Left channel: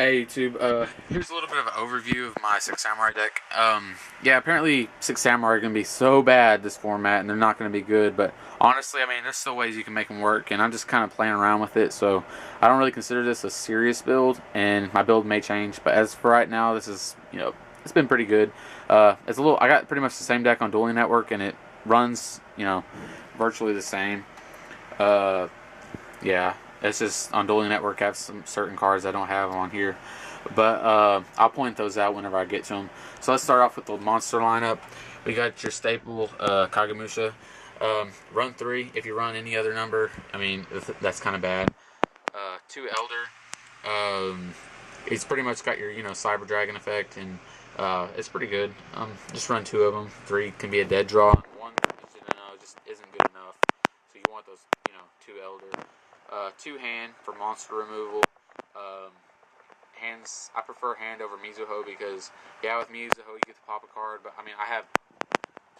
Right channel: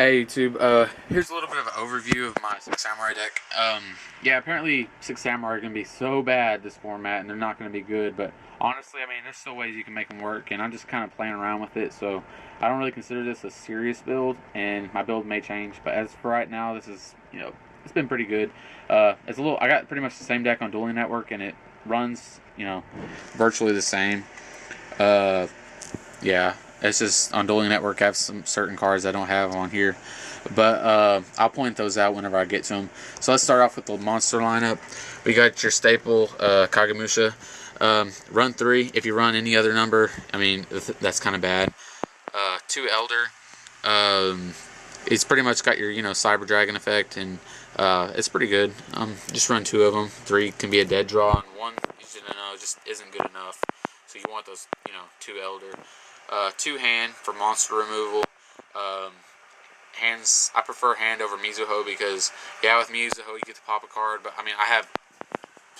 Hey YouTube, here's a little bit of an overview of my Six Samurai deck. Yeah, apparently Six Samurai are going to be so bad this format, and they're not going to be good, but honestly, I mean, there's still ways you can make them work, and I'm just kind of playing around with it, so I don't really consider this a serious build, and my build may change, but as for right now, this is, it's been pretty good. I got pretty much the same deck on Dueling Network, and it runs, virtually the same. Uh, yeah, it's just on Dueling Network I have some certain cards I don't have on here. But I'll point those out whenever I get to them. So let's start off with the monster lineup. We got your staple Kagemusha. Run 3. If you run any other number, I mean, that's kind of bad. 2 Elder. It's pretty much got your, Cyber Dragon effect, and it's pretty good. Just run 2 of them. 3 can be a dead draw, and 1, just isn't good enough. So you want those, 2 Elder. 2 Hand for monster removal. Hands, I prefer Hand over Mizuho because, yeah, with Mizuho you get to pop a card, but I mean, I have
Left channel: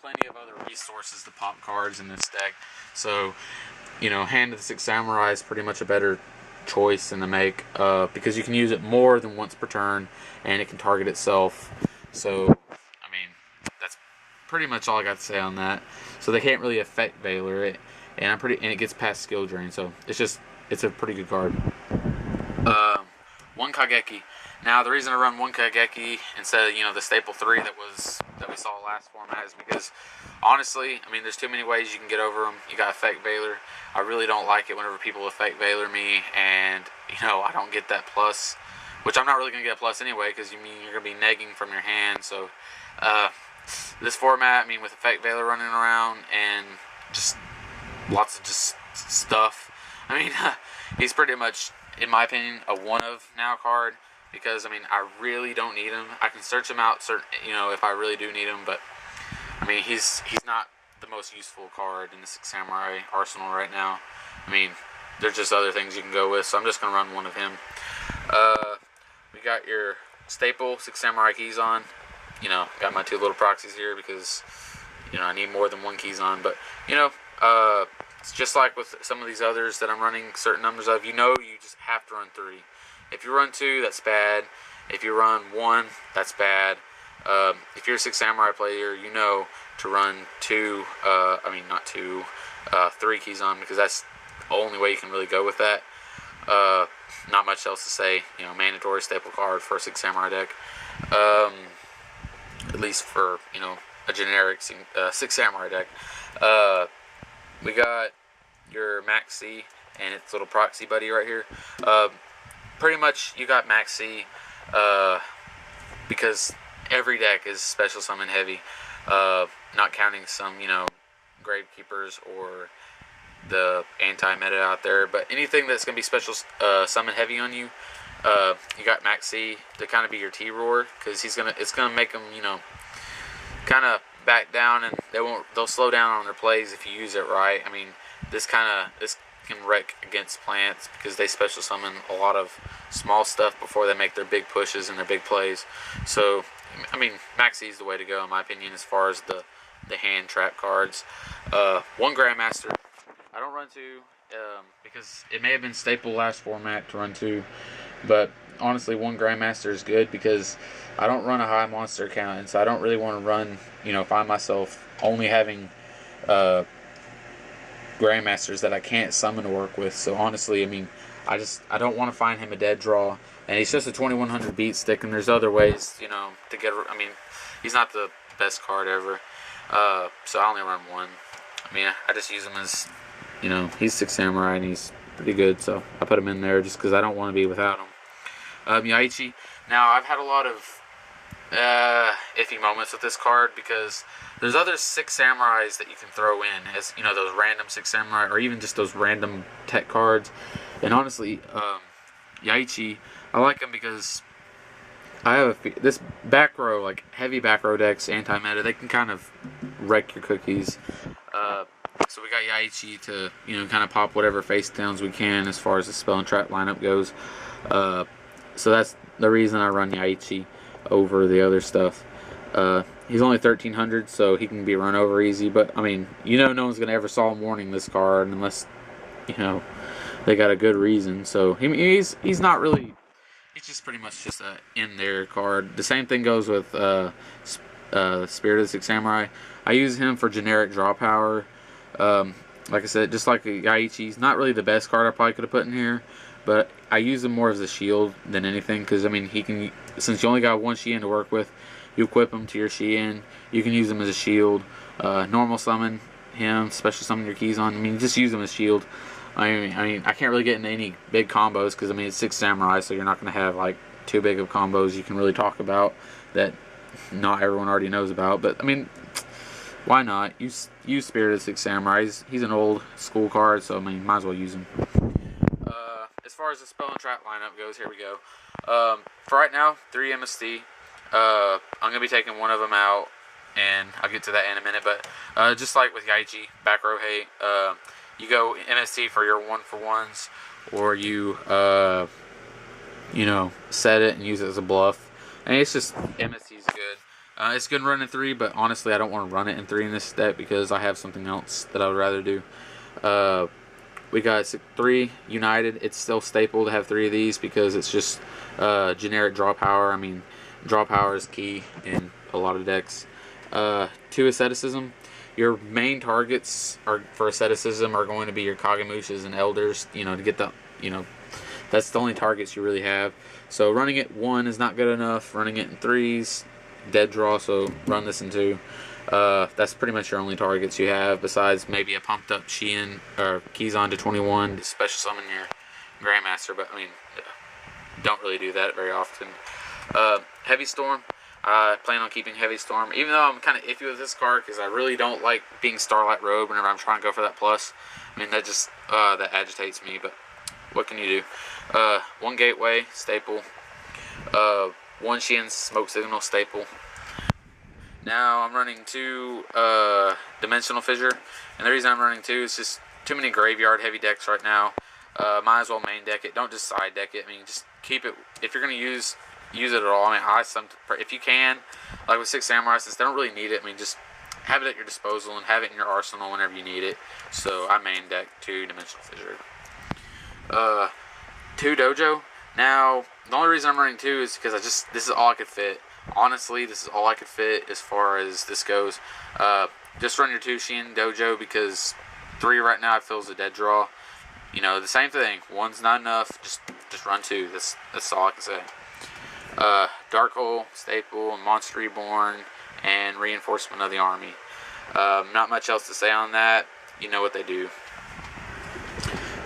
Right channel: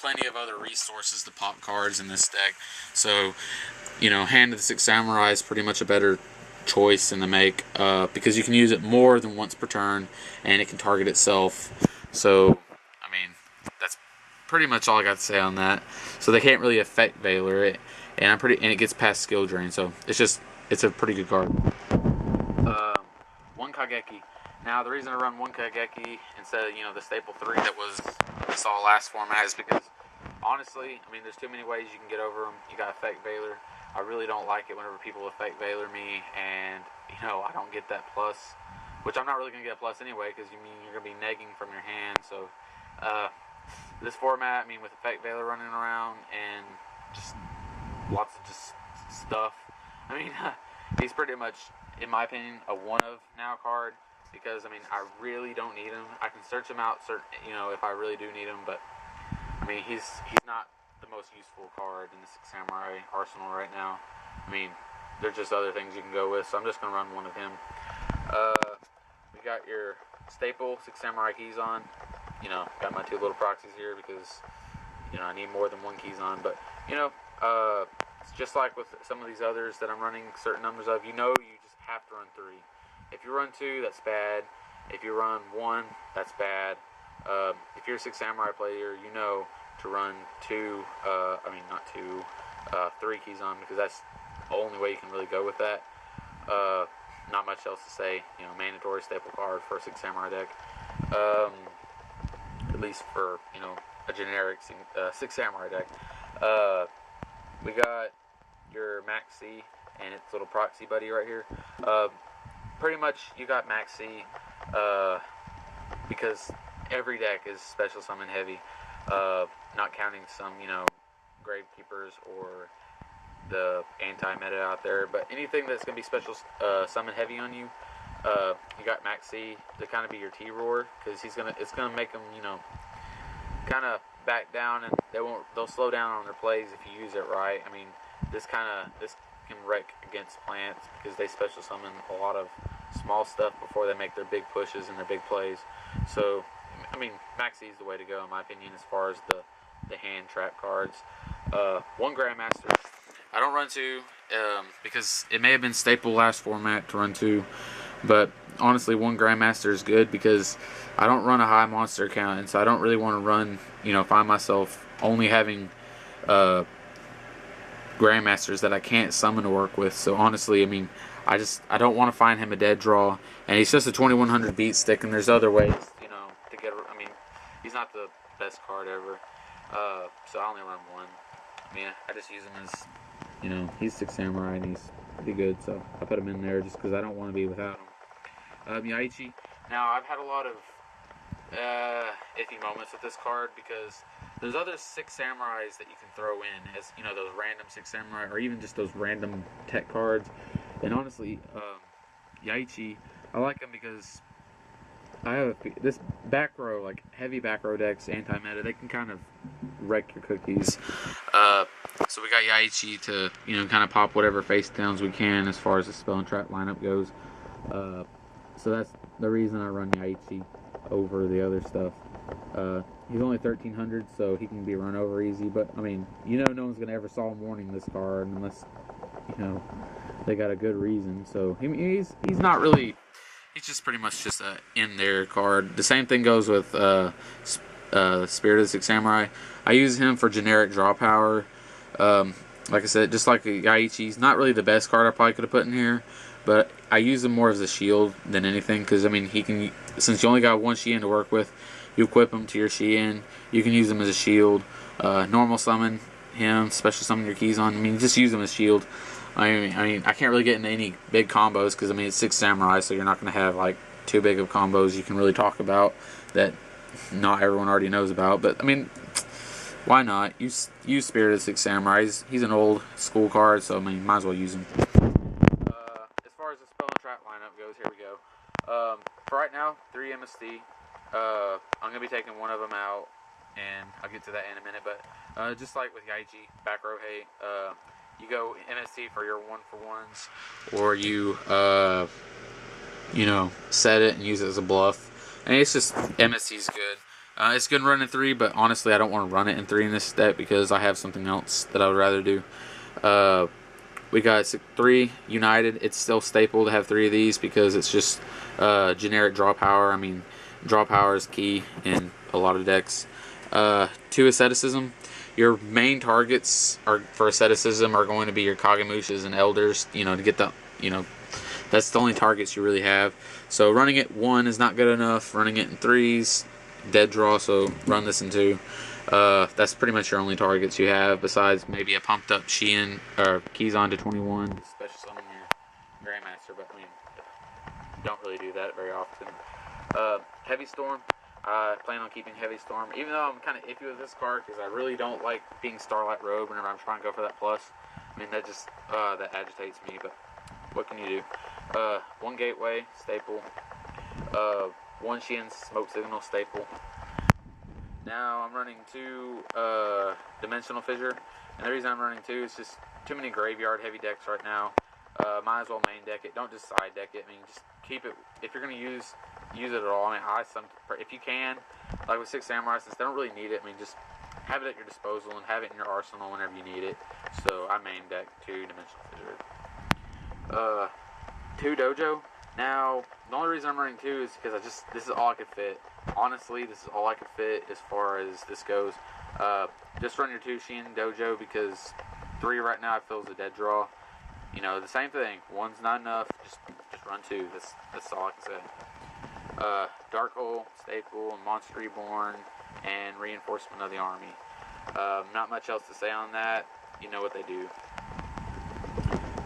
plenty of other resources to pop cards in this deck. So, Hand of the Six Samurai is pretty much a better choice in the make because you can use it more than once per turn, and it can target itself. So, I mean, that's pretty much all I got to say on that. So they can't really affect Valor it, and it gets past skill drain. So it's a pretty good card. One Kageki. Now the reason I run one Kageki instead of the staple 3 that we saw last format is because honestly, I mean, there's too many ways you can get over them. You got affect Valor. I really don't like it whenever people affect Valor me, and I don't get that plus, which I'm not really gonna get a plus anyway because you're gonna be negging from your hand. So this format, I mean, with affect Valor running around and just lots of stuff. I mean, he's pretty much, in my opinion, a one of now card because I mean I really don't need him. I can search him out, if I really do need him, but I mean he's not the most useful card in the Six Samurai arsenal right now. I mean, there's just other things you can go with, so I'm just gonna run one of him. We got your staple Six Samurai Keyzon. Got my 2 little proxies here because I need more than one Keyzon, but it's just like with some of these others that I'm running certain numbers of. You just have to run 3. If you run 2, that's bad. If you run 1, that's bad. If you're a Six Samurai player, to run 2. Not 2. 3 Keyzon because that's the only way you can really go with that. Not much else to say. Mandatory staple card for a Six Samurai deck. At least for a generic Six Samurai deck. We got your Max C and its little proxy buddy right here. Pretty much you got Max C because every deck is special summon heavy. Not counting some, Gravekeepers or the anti-meta out there, but anything that's going to be special summon heavy on you, you got Max C to kind of be your T-Roar because it's going to make them, kind of back down, and they'll slow down on their plays if you use it right. I mean, this can wreck against plants because they special summon a lot of small stuff before they make their big pushes and their big plays. So I mean, Maxi is the way to go in my opinion as far as the hand trap cards. One Grandmaster. I don't run 2 because it may have been staple last format to run 2, but honestly, one Grandmaster is good because I don't run a high monster count, and so I don't really want to run, find myself only having Grandmasters that I can't summon to work with. So honestly, I mean, I don't want to find him a dead draw, and he's just a 2100 beat stick, and there's other ways, to get. I mean, he's not the best card ever, so I only run 1. I mean, I just use him as, he's Six Samurai and he's pretty good, so I put him in there just because I don't want to be without him. Yaichi. Now, I've had a lot of iffy moments with this card because there's other Six Samurais that you can throw in as, those random Six Samurai or even just those random tech cards. And honestly, Yaichi, I like him because I have this back row, like heavy back row decks, anti-meta, they can kind of wreck your cookies. So we got Yaichi to, kind of pop whatever face downs we can as far as the spell and trap lineup goes. So that's the reason I run Yaichi over the other stuff. He's only 1300, so he can be run over easy, but I mean, no one's going to ever Solemn Warning this card unless, they got a good reason. So he's not really He's just pretty much just a in there card. The same thing goes with Spirit of the Six Samurai. I use him for generic draw power. Like I said, just like Yaichi, he's not really the best card I probably could have put in here, but I use him more as a shield than anything, because I mean, he can, since you only got one Shien to work with, you equip him to your Shien, you can use him as a shield, normal summon him, special summon your keys on. I mean, just use him as shield. I mean, I can't really get into any big combos because I mean it's Six Samurai, so you're not going to have like too big of combos you can really talk about that not everyone already knows about. But I mean, why not use Spirit of the Six Samurai? He's an old school card, so I mean, might as well use him. As far as the spell and trap lineup goes, here we go. For right now, 3 MST. I'm gonna be taking one of them out, and I'll get to that in a minute. But just like with Yaichi, back row hate. You go MST for your 1-for-1s, or you, you know, set it and use it as a bluff. And it's just, MST's good. It's good running 3, but honestly, I don't want to run it in 3 in this step because I have something else that I would rather do. We got 3 United. It's still staple to have 3 of these because it's just generic draw power. I mean, draw power is key in a lot of decks. 2 Asceticism. Your main targets for asceticism are going to be your Kagemushas and Elders, you know, to get the, you know, that's the only targets you really have. So running it 1 is not good enough. Running it in 3s, dead draw, so run this in 2. That's pretty much your only targets you have, besides maybe a pumped up Shien or Kizan to 21 to special summon your Grandmaster, but I mean, don't really do that very often. Heavy Storm. I plan on keeping Heavy Storm, even though I'm kind of iffy with this card because I really don't like being Starlight Robe whenever I'm trying to go for that plus. I mean, that just that agitates me, but what can you do? 1 Gateway staple, 1 Shien Smoke Signal staple. Now I'm running 2 Dimensional Fissure, and the reason I'm running 2 is just too many graveyard heavy decks right now. Might as well main deck it. Don't just side deck it. I mean, just keep it. If you're gonna use it at all. I mean, if you can, like with Six Samurai, since they don't really need it, I mean, just have it at your disposal and have it in your arsenal whenever you need it. So I main deck 2 Dimensional Fissure. 2 Dojo. Now, the only reason I'm running 2 is because this is all I could fit. Honestly, this is all I could fit as far as this goes. Just run your 2 Shien Dojo because 3 right now I feel is a dead draw. You know, the same thing. 1's not enough. Just run 2. That's all I can say. Dark Hole, Staple, Monster Reborn, and Reinforcement of the Army. Not much else to say on that. You know what they do.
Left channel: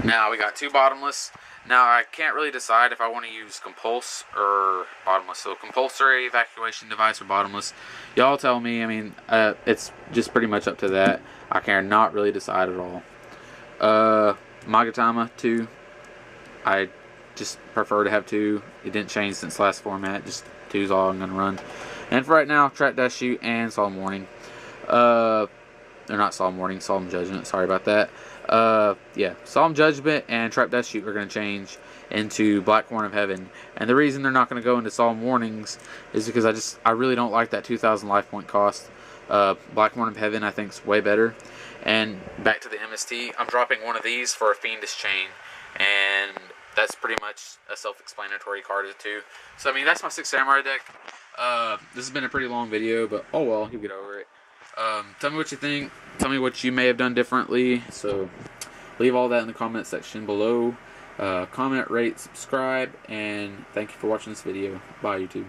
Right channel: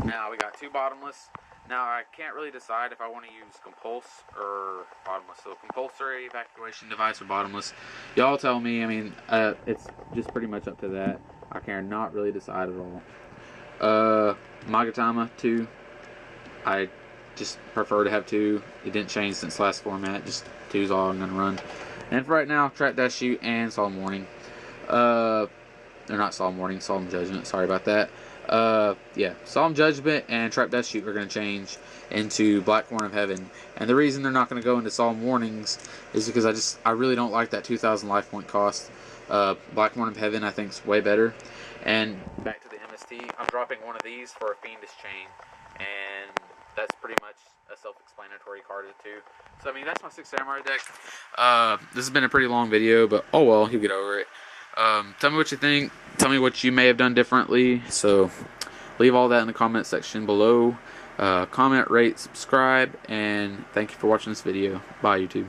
Now, we got 2 Bottomless. Now, I can't really decide if I want to use Compulse or Bottomless. So, Compulsory Evacuation Device or Bottomless. Y'all tell me. I mean, it's just pretty much up to that. I cannot really decide at all. Magatama 2. I just prefer to have 2. It didn't change since last format. Just 2 is all I'm going to run. And for right now, Trap Dash Shoot and Solemn Warning. Or not Solemn Warning, Solemn Judgment. Sorry about that. Yeah, Solemn Judgment and Trap Dash Shoot are going to change into Black Horn of Heaven. And the reason they're not going to go into Solemn Warnings is because I really don't like that 2,000 life point cost. Black Horn of Heaven I think is way better. And back to the MST, I'm dropping one of these for a Fiendish Chain. And that's pretty much a self-explanatory card too. So I mean, that's my Six Samurai deck. This has been a pretty long video, but oh well, you get over it. Tell me what you think. Tell me what you may have done differently. So leave all that in the comment section below. Comment, rate, subscribe, and thank you for watching this video. Bye, YouTube.